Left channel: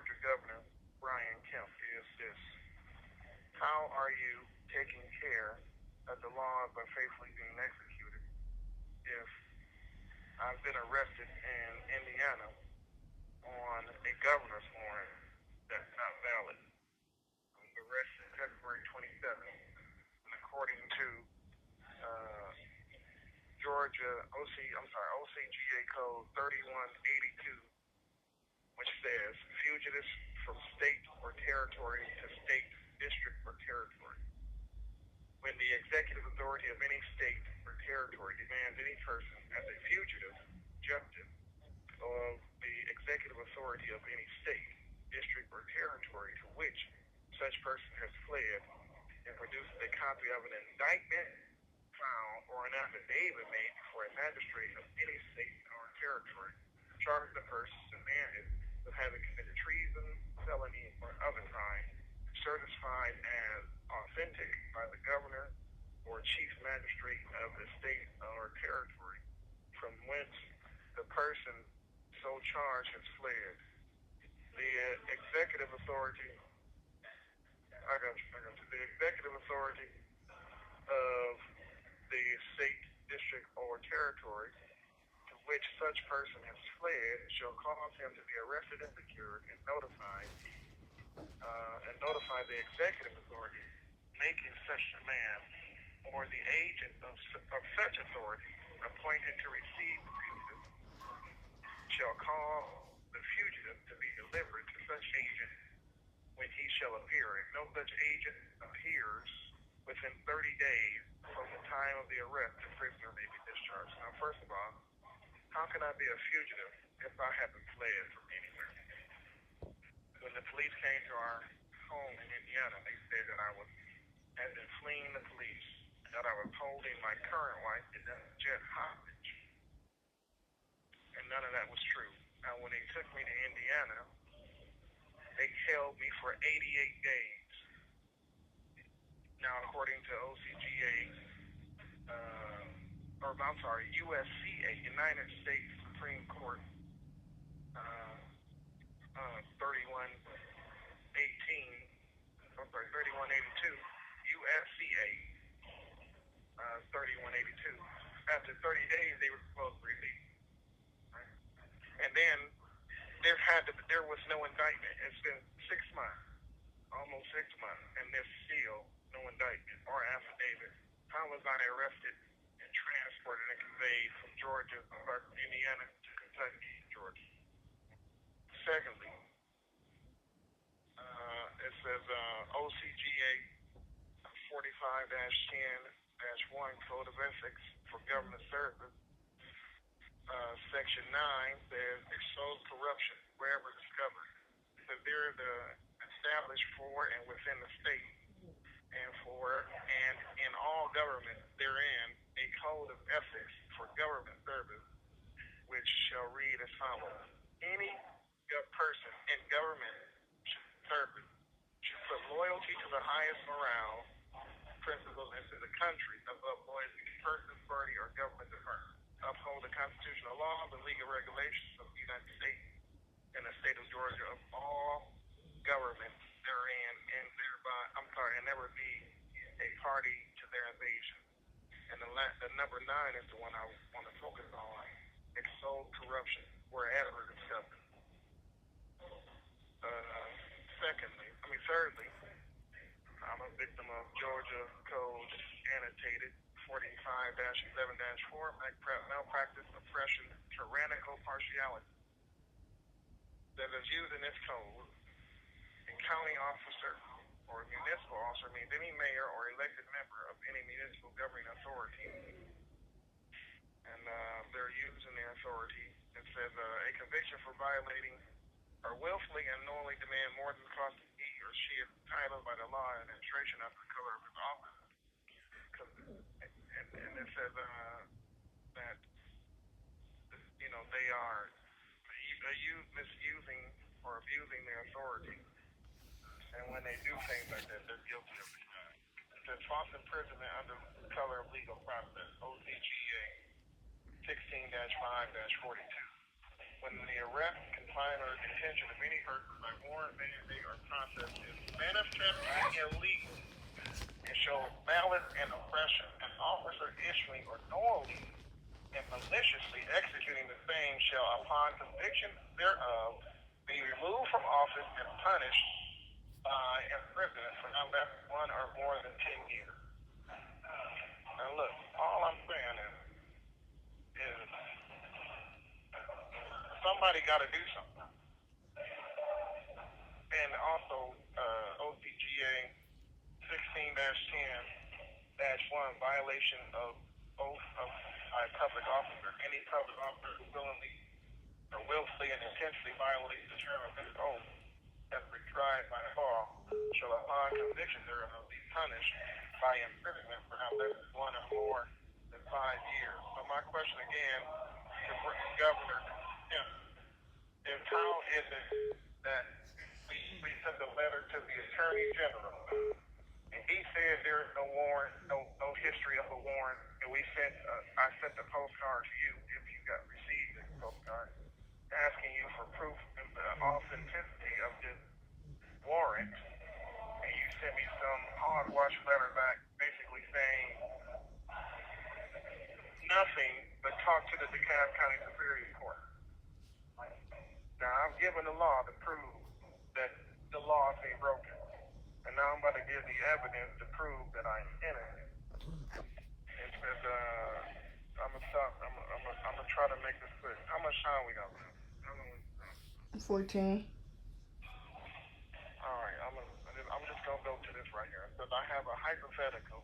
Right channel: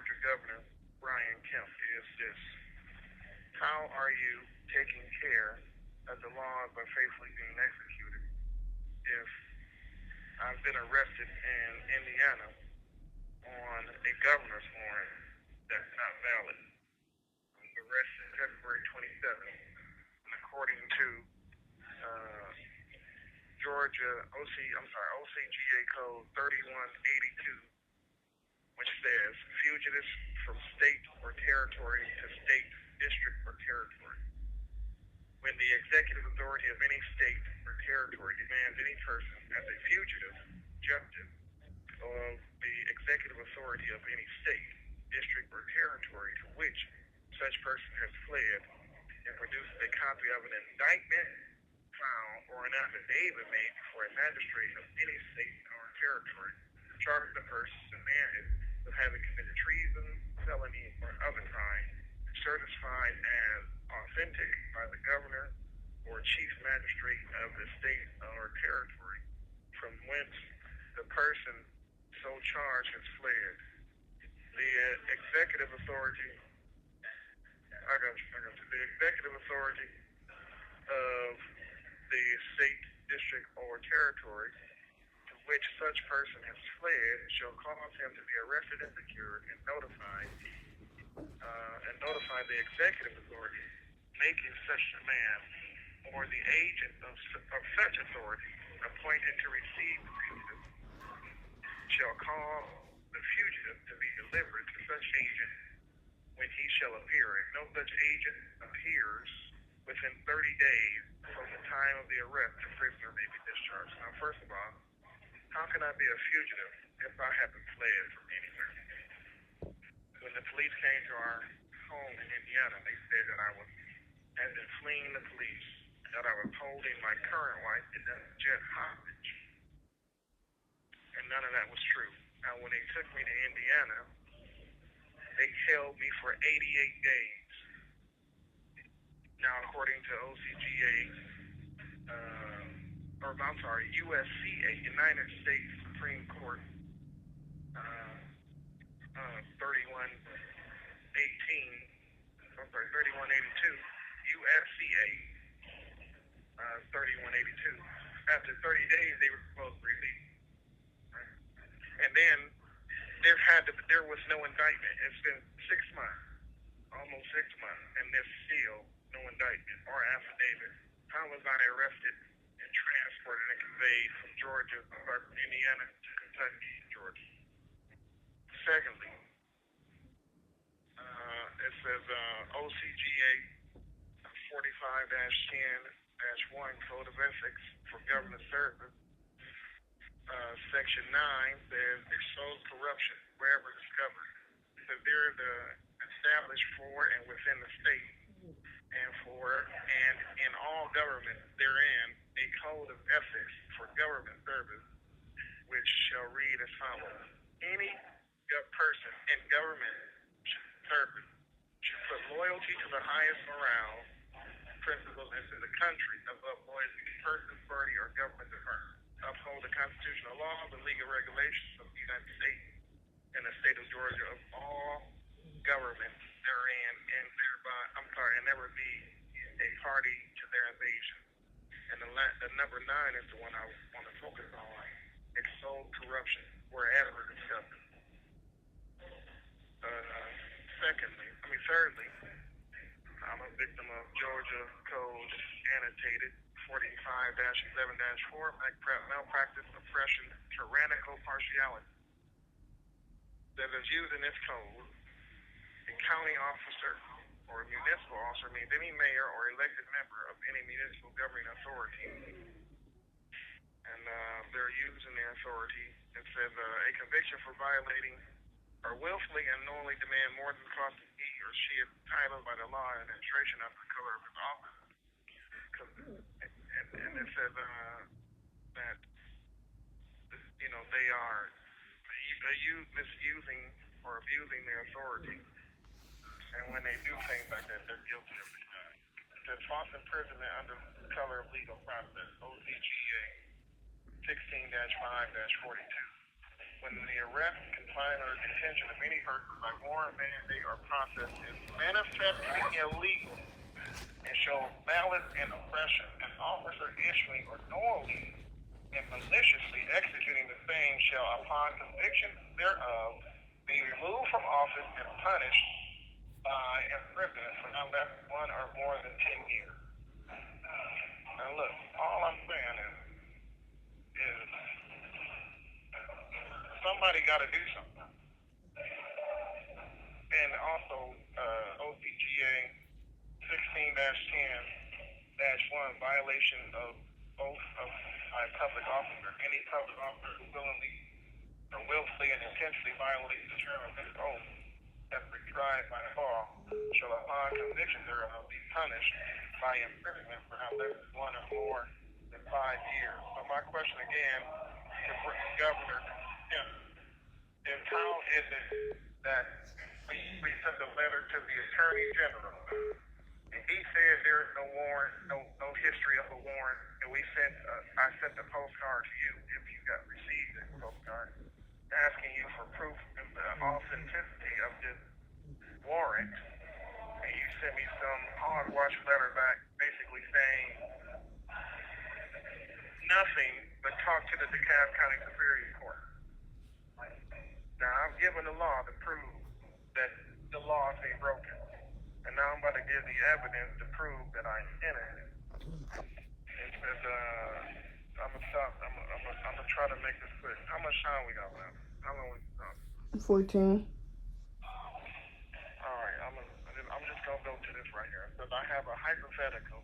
Georgia Governor Brian Kemp is this: how are you taking care that the laws are faithfully being executed if I've been arrested in Indiana on a governor's warrant that's not valid? I was arrested February 27th, and according to uh, Georgia OCGA Code 3182, which says fugitives from state or territory to state, district, or territory. When the executive authority of any state or territory demands any person as a fugitive justice of the executive authority of any state, district, or territory to which such person has fled, and produces a copy of an indictment found or an affidavit made before a magistrate of any state or territory, charging the person demanded of having committed treason, felony, or other crime, certified as authentic by the governor or chief magistrate of the state or territory from whence the person so charged has fled. The executive authority, the executive authority of the state, district, or territory to which such person has fled shall cause him to be arrested and secured and notify the executive authority making such demand or the agent of such authority appointed to receive the fugitive shall cause the fugitive to be delivered to such agent when he shall appear. If no such agent appears within 30 days from the time of the arrest, the prisoner may be discharged. Now, first of all, how can I be a fugitive if I haven't fled from anywhere? When the police came to our home in Indiana, they said that I had been fleeing the police, that I was holding my current wife in a jet hostage, and none of that was true. Now, when they took me to Indiana, they held me for 88 days. Now, according to USCA, United States Supreme Court, 3182, USCA 3182. After 30 days, they were supposed to release. Right? And then there was no indictment. It's been 6 months, almost 6 months, and there's still no indictment or affidavit. How was I arrested and transported and conveyed from Indiana to Kentucky, Georgia? Secondly, it says OCGA 45-10-1 Code of Ethics for Government Service. Section 9 says expose corruption wherever discovered. It says there is established for and within the state and in all government therein a code of ethics for government service, which shall read as follows: any person in government service should put loyalty to the highest morale principles into the country above loyalty to person, party, or government department. Uphold the constitutional laws and legal regulations of the United States and the state of Georgia of all governments therein, and never be a party to their invasion. And the number 9 is the one I want to focus on: extol corruption wherever discovered. Thirdly, I'm a victim of Georgia Code annotated 45-11-4, malpractice, oppression, tyrannical partiality. That is used in this code, a county officer or a municipal officer means any mayor or elected member of any municipal governing authority, and they're using their authority. It says a conviction for violating or willfully and knowingly demand more than the cost of he or she is entitled by the law and administration of the color of his office. And it says that they are misusing or abusing their authority, and when they do things like that, they're guilty of the crime. It says false imprisonment under the color of legal process, OCGA 16-5-42. when the arrest, confinement, or detention of any person by warrant, mandate, or process is manifestly illegal and shows malice and oppression, an officer issuing or knowingly and maliciously executing the same shall, upon conviction thereof, be removed from office and punished by imprisonment for not less than 1 or more than 10 years. Now look, all I'm saying is somebody got to do something. And also, OCGA 16-10-1, violation of oath of a public officer. Any public officer who willingly or willfully and intentionally violates the term of his oath as prescribed by law shall, upon conviction thereof, be punished by imprisonment for not less than 1 or more than 5 years. So my question again to Governor Kemp is, how is it that we sent a letter to the Attorney General and he said there is no warrant, no history of a warrant, and I sent a postcard to you if you got received this postcard asking you for proof of the authenticity of this warrant, and you sent me some hogwash letter back basically saying nothing but talk to the Dekalb County Superior Court. Now I'm given the law to prove that the law is being broken, and now I'm going to give the evidence to prove that I'm innocent. I'm gonna try to make this quick. How much time we got left? How long we got? 14. Alright, I'm just gonna go to this right here. Because I have a hypothetical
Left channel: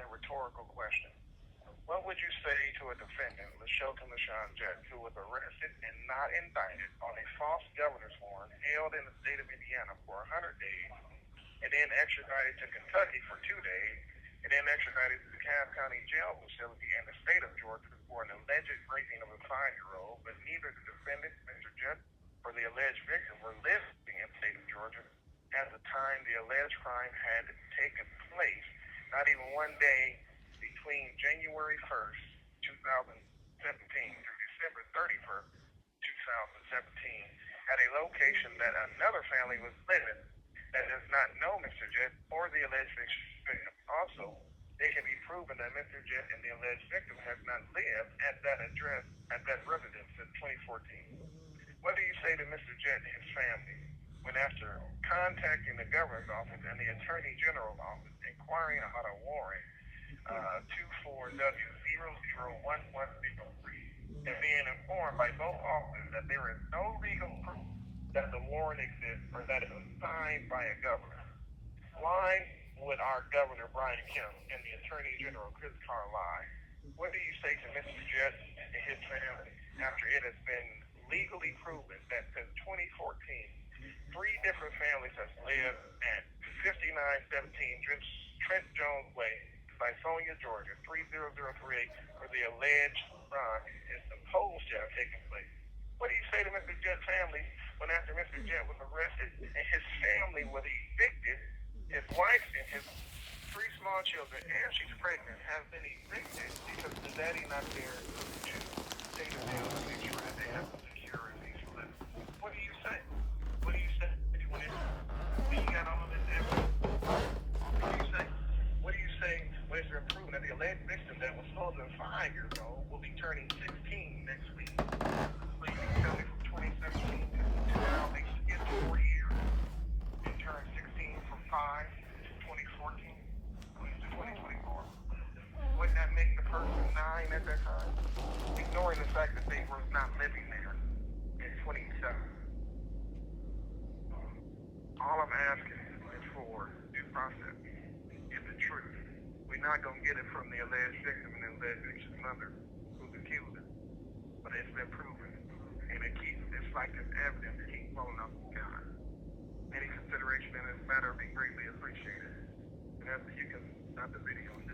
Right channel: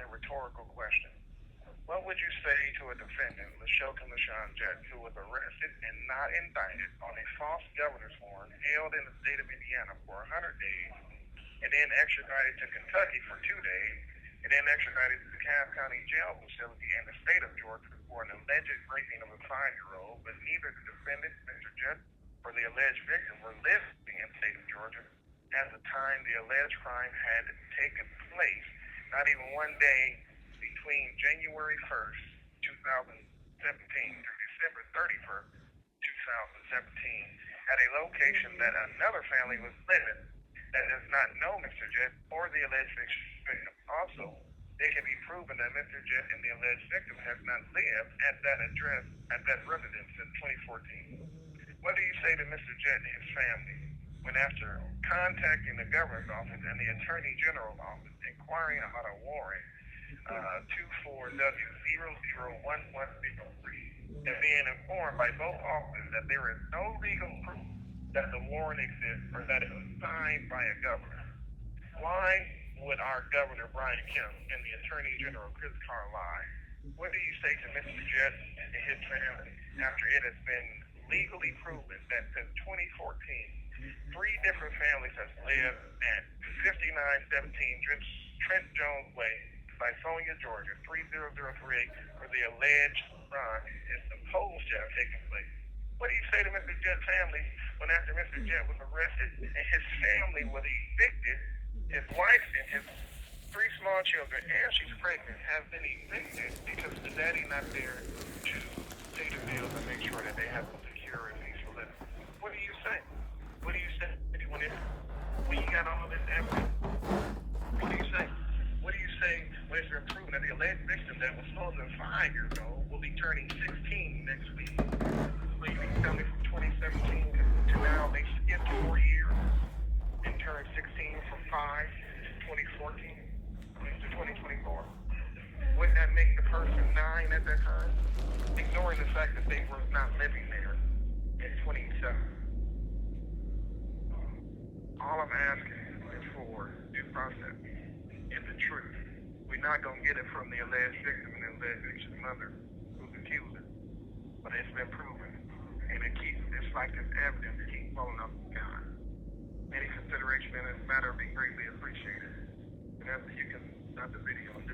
and rhetorical question. What would you say to a defendant, LaShawn Jett, who was arrested and not indicted on a false governor's warrant held in the state of Indiana for 100 days, and then extradited to Kentucky for 2 days, and then extradited to the Dekalb County Jail facility in the state of Georgia for an alleged raping of a 5-year-old, but neither the defendant, Mr. Jett, or the alleged victim were living in the state of Georgia at the time the alleged crime had taken place, not even 1 day between January 1st, 2017 through December 31st, 2017, at a location that another family was living that does not know Mr. Jett or the alleged victim. Also, it can be proven that Mr. Jett and the alleged victim have not lived at that address, at that residence since 2014. What do you say to Mr. Jett and his family when, after contacting the governor's office and the Attorney General's office inquiring about a warrant 24W001103 and being informed by both offices that there is no legal proof that the warrant exists or that it was signed by a governor? Why would our Governor Brian Kemp and the Attorney General Chris Carr lie? What do you say to Mr. Jett and his family after it has been legally proven that since 2014, 3 different families have lived at 5917 Trent Jones Way, Lithonia, Georgia, 30038, where the alleged crime is supposed to have taken place? What do you say to Mr. Jett's family when, after Mr. Jett was arrested and his family was evicted, his wife and his 3 small children, and she's pregnant, have been evicted because the daddy not there to pay the bills and make sure that they have a secure and peaceful living? What do you say? What do you say when you got all this evidence? What do you say? What do you say when you're proving that the alleged victim that was supposed to be 5 years old will be turning 16 next week? So you can tell me from 2017 to now they skipped 3 years and turned 16 from 5 to 2014 to 2024. Wouldn't that make the person 9 at that time? Ignoring the fact that they were not living there in 27. All I'm asking is for due process and the truth. We're not going to get it from the alleged victim and the alleged victim's mother who's accused us. But it's been proven. And it's like this evidence keeps falling off the sky. Any consideration in this matter would be greatly appreciated. And as you can stop the video on